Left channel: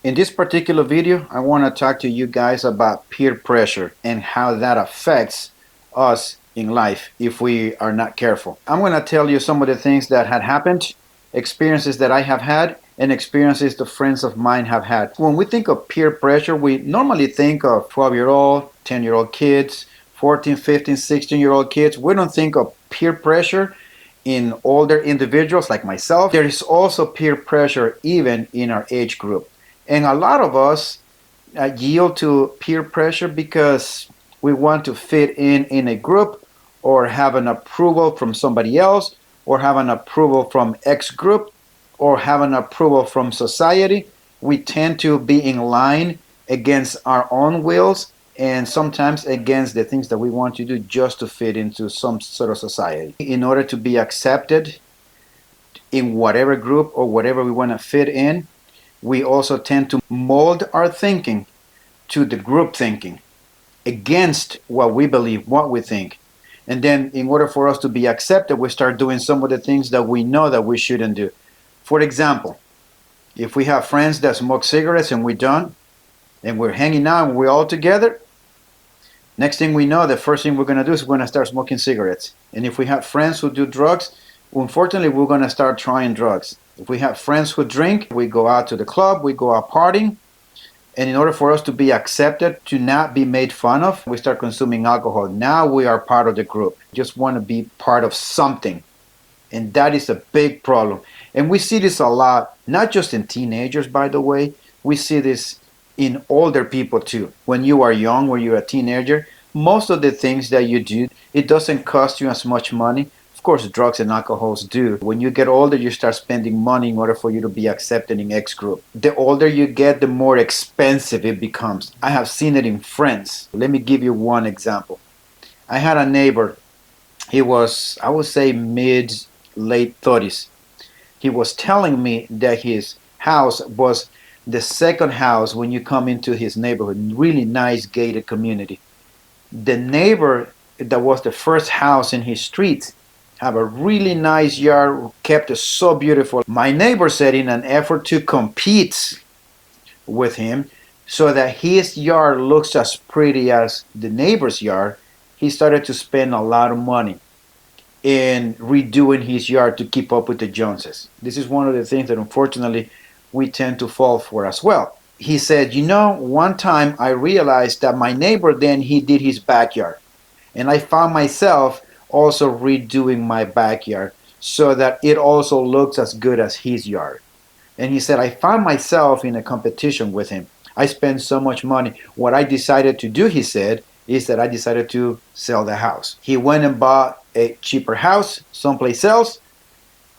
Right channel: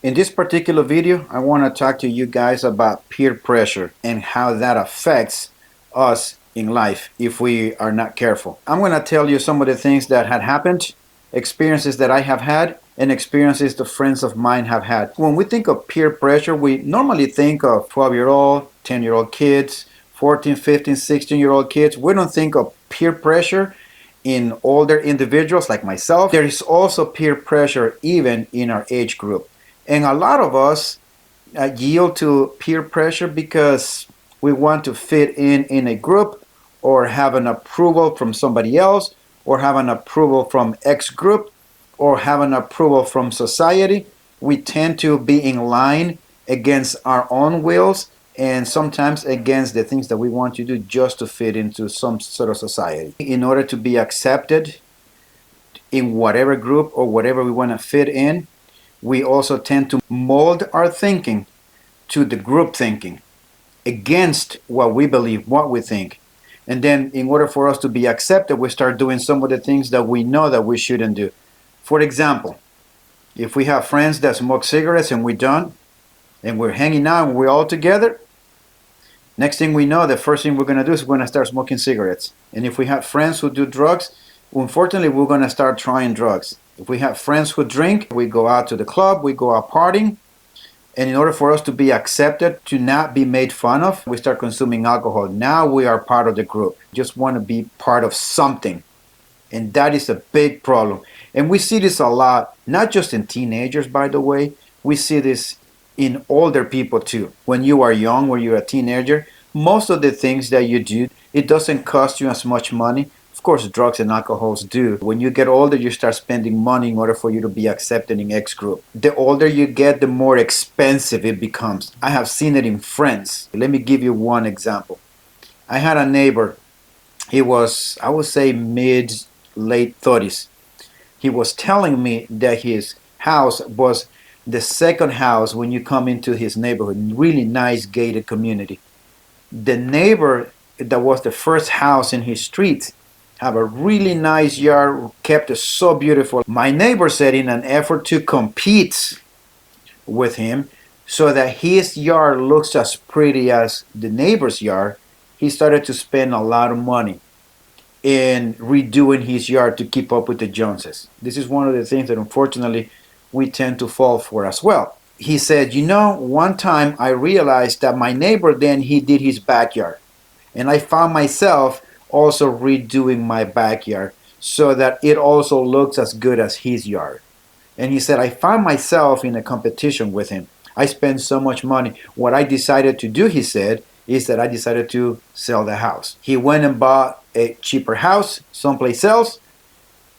In this particular video, I want to talk to you guys about peer pressure and how that affects us in life if we are not careful. I'm going to tell you some of the things that had happened, experiences that I have had, and experiences the friends of mine have had. When we think of peer pressure, we normally think of 12-year-old, 10-year-old kids, 14, 15, 16-year-old kids. We don't think of peer pressure in older individuals like myself. There is also peer pressure even in our age group. And a lot of us yield to peer pressure because we want to fit in a group or have an approval from somebody else or have an approval from X group or have an approval from society. We tend to be in line against our own wills and sometimes against the things that we want to do just to fit into some sort of society. In order to be accepted in whatever group or whatever we want to fit in, we also tend to mold our thinking to the group thinking against what we believe, what we think. And then in order for us to be accepted, we start doing some of the things that we know that we shouldn't do. For example, if we have friends that smoke cigarettes and we don't, and we're hanging out and we're all together, next thing we know, the first thing we're going to do is we're going to start smoking cigarettes. And if we have friends who do drugs, unfortunately, we're going to start trying drugs. If we have friends who drink, we go out to the club, we go out partying. And in order for us to be accepted, to not be made fun of, we start consuming alcohol. Now we are part of the group. Just want to be part of something. And that is a big problem. And we see this a lot, not just in teenagers, by the way. We see this in older people too. When you are young, when you're a teenager, most of the things that you do, it doesn't cost you as much money. Of course, drugs and alcohols do. When you get older, you start spending money in order for you to be accepted in X group. The older you get, the more expensive it becomes. I have seen it in friends. Let me give you one example. I had a neighbor. He was, I would say, late 30s. He was telling me that his house was the second house when you come into his neighborhood. Really nice gated community. The neighbor that was the first house in his street have a really nice yard, kept it so beautiful. My neighbor said in an effort to compete with him so that his yard looks as pretty as the neighbor's yard, he started to spend a lot of money in redoing his yard to keep up with the Joneses. This is one of the things that unfortunately we tend to fall for as well. He said, one time I realized that my neighbor then he did his backyard. And I found myself also redoing my backyard so that it also looks as good as his yard. And he said, I found myself in a competition with him. I spent so much money. What I decided to do, he said, is that I decided to sell the house. He went and bought a cheaper house someplace else,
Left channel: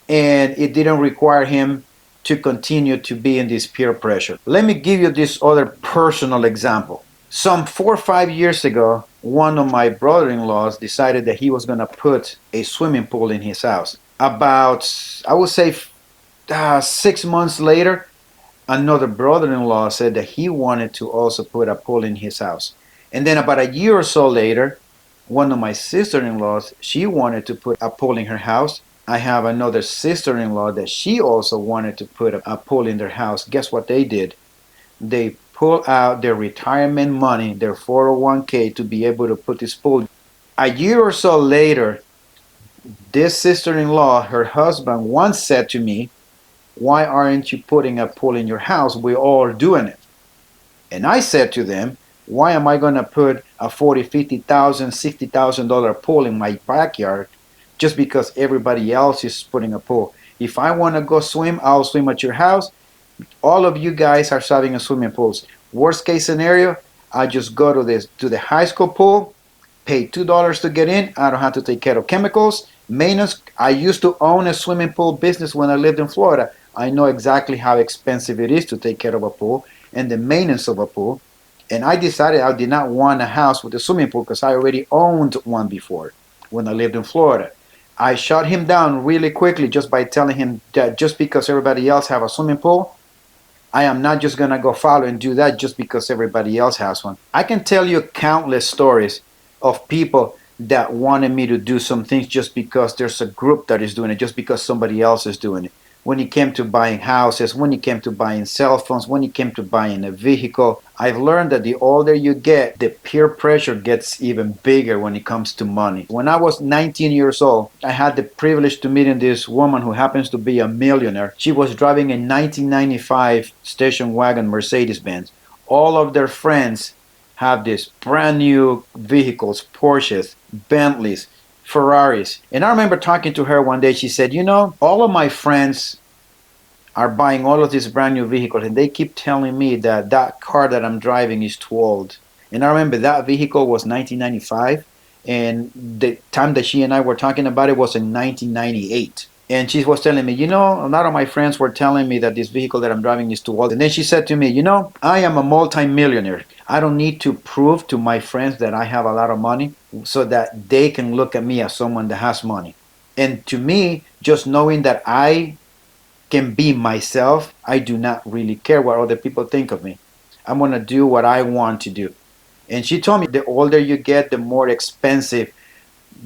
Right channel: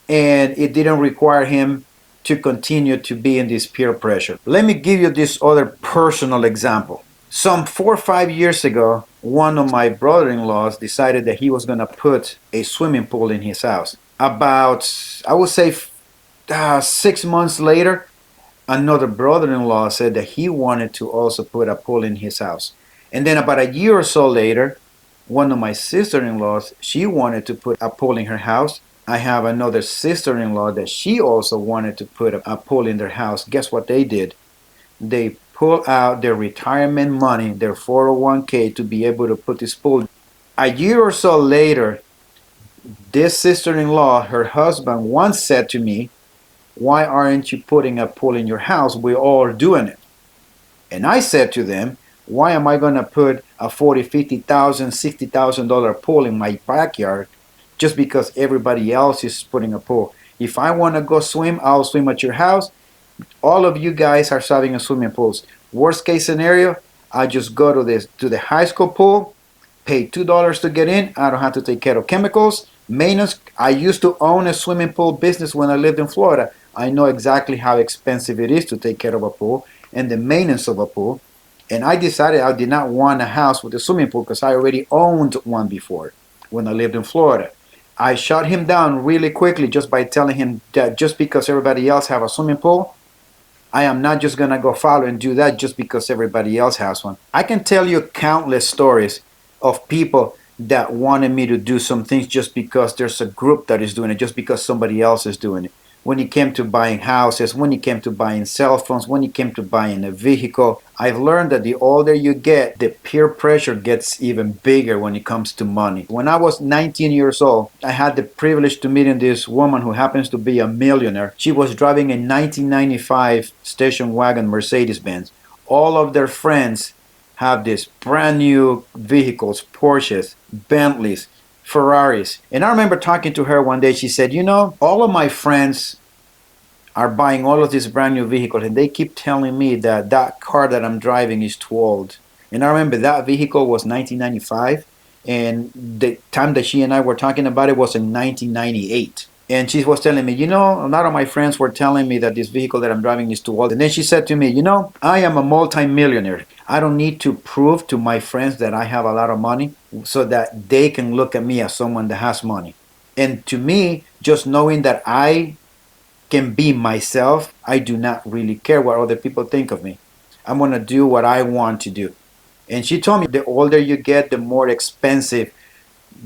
and it didn't require him to continue to be in this peer pressure. Let me give you this other personal example. Some 4 or 5 years ago, one of my brother-in-laws decided that he was going to put a swimming pool in his house. About, I would say, 6 months later, another brother-in-law said that he wanted to also put a pool in his house. And then about a year or so later, one of my sister-in-laws, she wanted to put a pool in her house. I have another sister-in-law that she also wanted to put a pool in their house. Guess what they did? They pull out their retirement money, their 401k, to be able to put this pool. A year or so later, this sister-in-law, her husband, once said to me, why aren't you putting a pool in your house? We're all doing it. And I said to them, why am I going to put a $40,000, $50,000, $60,000 pool in my backyard just because everybody else is putting a pool? If I want to go swim, I'll swim at your house. All of you guys are having a swimming pools. Worst case scenario, I just go to the high school pool, pay $2 to get in. I don't have to take care of chemicals, maintenance. I used to own a swimming pool business when I lived in Florida. I know exactly how expensive it is to take care of a pool and the maintenance of a pool. And I decided I did not want a house with a swimming pool because I already owned one before when I lived in Florida. I shut him down really quickly just by telling him that just because everybody else have a swimming pool, I am not just going to go follow and do that just because everybody else has one. I can tell you countless stories of people that wanted me to do some things just because there's a group that is doing it, just because somebody else is doing it. when it came to buying houses, when it came to buying cell phones, when it came to buying a vehicle. I've learned that the older you get, the peer pressure gets even bigger when it comes to money. When I was 19 years old, I had the privilege to meet this woman who happens to be a millionaire. She was driving a 1995 station wagon Mercedes Benz. All of their friends have these brand new vehicles, Porsches, Bentleys, Ferraris. And I remember talking to her one day. She said, you know, all of my friends are buying all of these brand new vehicles, and they keep telling me that that car that I'm driving is too old. And I remember that vehicle was 1995, and the time that she and I were talking about it was in 1998. And she was telling me, you know, a lot of my friends were telling me that this vehicle that I'm driving is too old. And then she said to me, you know, I am a multimillionaire. I don't need to prove to my friends that I have a lot of money so that they can look at me as someone that has money. And to me, just knowing that I can be myself, I do not really care what other people think of me. I'm going to do what I want to do. And she told me the older you get, the more expensive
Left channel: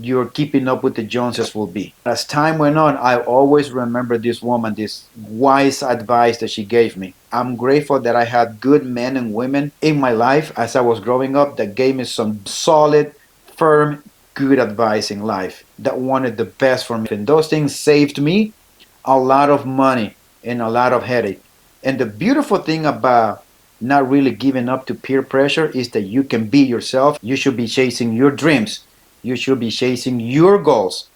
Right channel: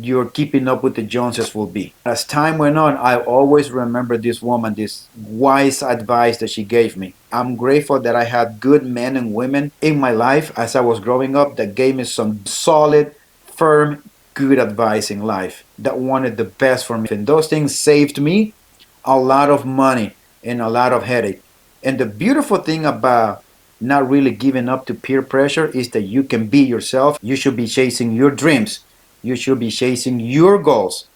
your keeping up with the Joneses will be. As time went on, I always remember this woman, this wise advice that she gave me. I'm grateful that I had good men and women in my life as I was growing up that gave me some solid, firm, good advice in life, that wanted the best for me. And those things saved me a lot of money and a lot of headache. And the beautiful thing about not really giving up to peer pressure is that you can be yourself. You should be chasing your dreams. You should be chasing your goals.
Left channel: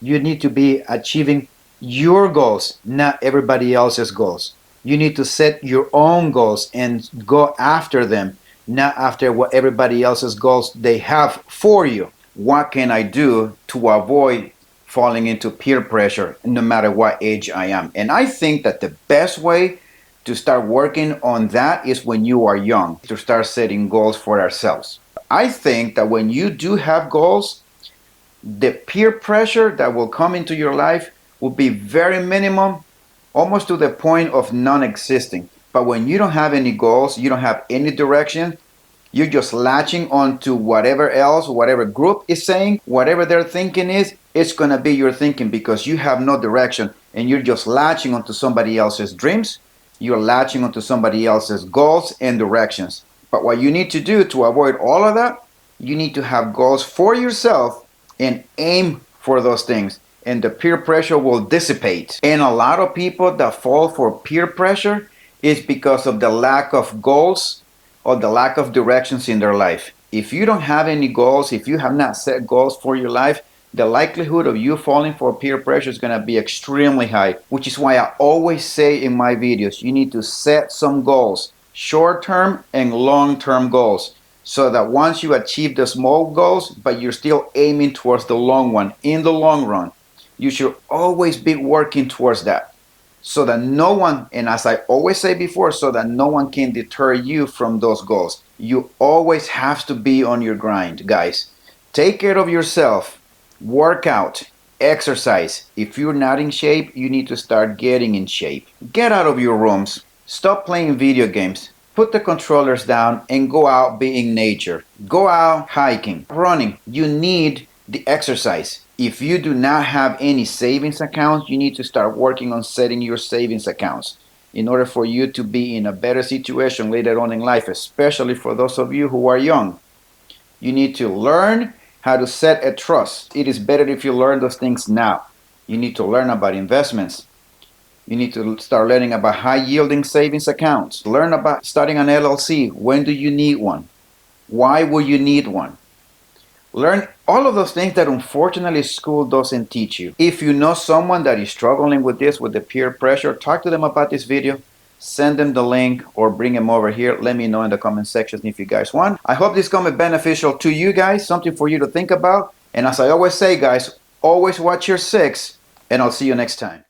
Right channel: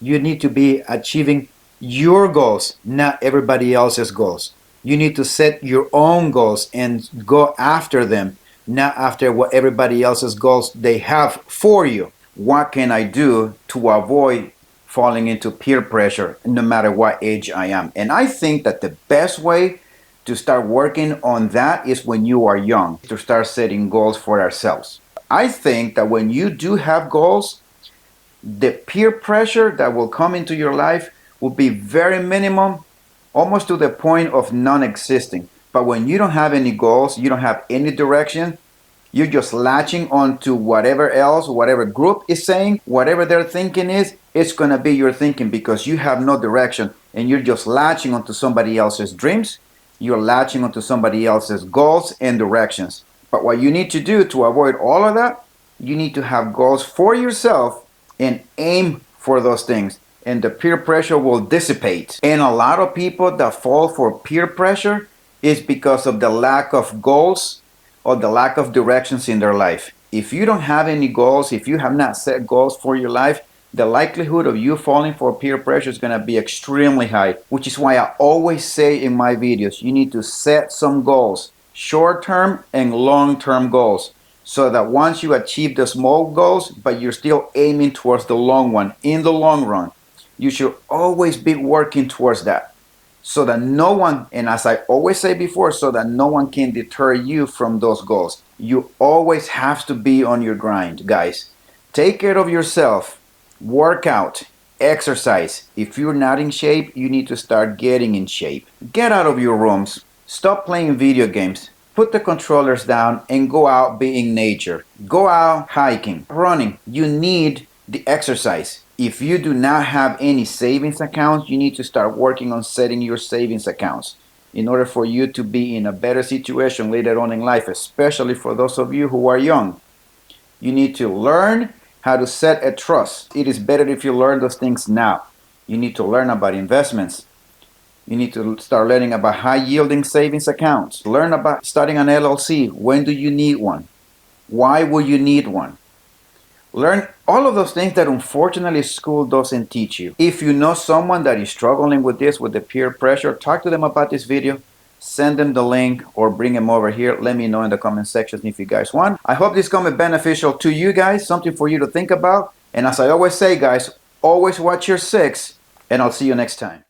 You need to be achieving your goals, not everybody else's goals. You need to set your own goals and go after them, not after what everybody else's goals they have for you. What can I do to avoid falling into peer pressure no matter what age I am? And I think that the best way to start working on that is when you are young, to start setting goals for ourselves. I think that when you do have goals, the peer pressure that will come into your life will be very minimum, almost to the point of non-existing. But when you don't have any goals, you don't have any direction, you're just latching onto whatever else, whatever group is saying, whatever their thinking is, it's going to be your thinking because you have no direction and you're just latching onto somebody else's dreams. You're latching onto somebody else's goals and directions. But what you need to do to avoid all of that, you need to have goals for yourself and aim for those things. And the peer pressure will dissipate. And a lot of people that fall for peer pressure is because of the lack of goals or the lack of directions in their life. If you don't have any goals, if you have not set goals for your life, the likelihood of you falling for peer pressure is going to be extremely high, which is why I always say in my videos, you need to set some goals, short-term and long-term goals, so that once you achieve the small goals, but you're still aiming towards the long one, in the long run, you should always be working towards that. So that no one, and as I always say before, so that no one can deter you from those goals. You always have to be on your grind, guys. Take care of yourself. Work out, exercise. If you're not in shape, you need to start getting in shape. Get out of your rooms. Stop playing video games. Put the controllers down and go out, be in nature. Go out hiking, running. You need the exercise. If you do not have any savings accounts, you need to start working on setting your savings accounts in order for you to be in a better situation later on in life, especially for those of you who are young. You need to learn how to set a trust. It is better if you learn those things now. You need to learn about investments. You need to start learning about high yielding savings accounts. Learn about starting an LLC. When do you need one? Why will you need one? Learn all of those things that unfortunately school doesn't teach you. If you know someone that is struggling with this, with the peer pressure, talk to them about this video. Send them the link or bring them over here. Let me know in the comment section if you guys want. I hope this comment beneficial to you guys, something for you to think about. And as I always say, guys, always watch your six, and I'll see you next time.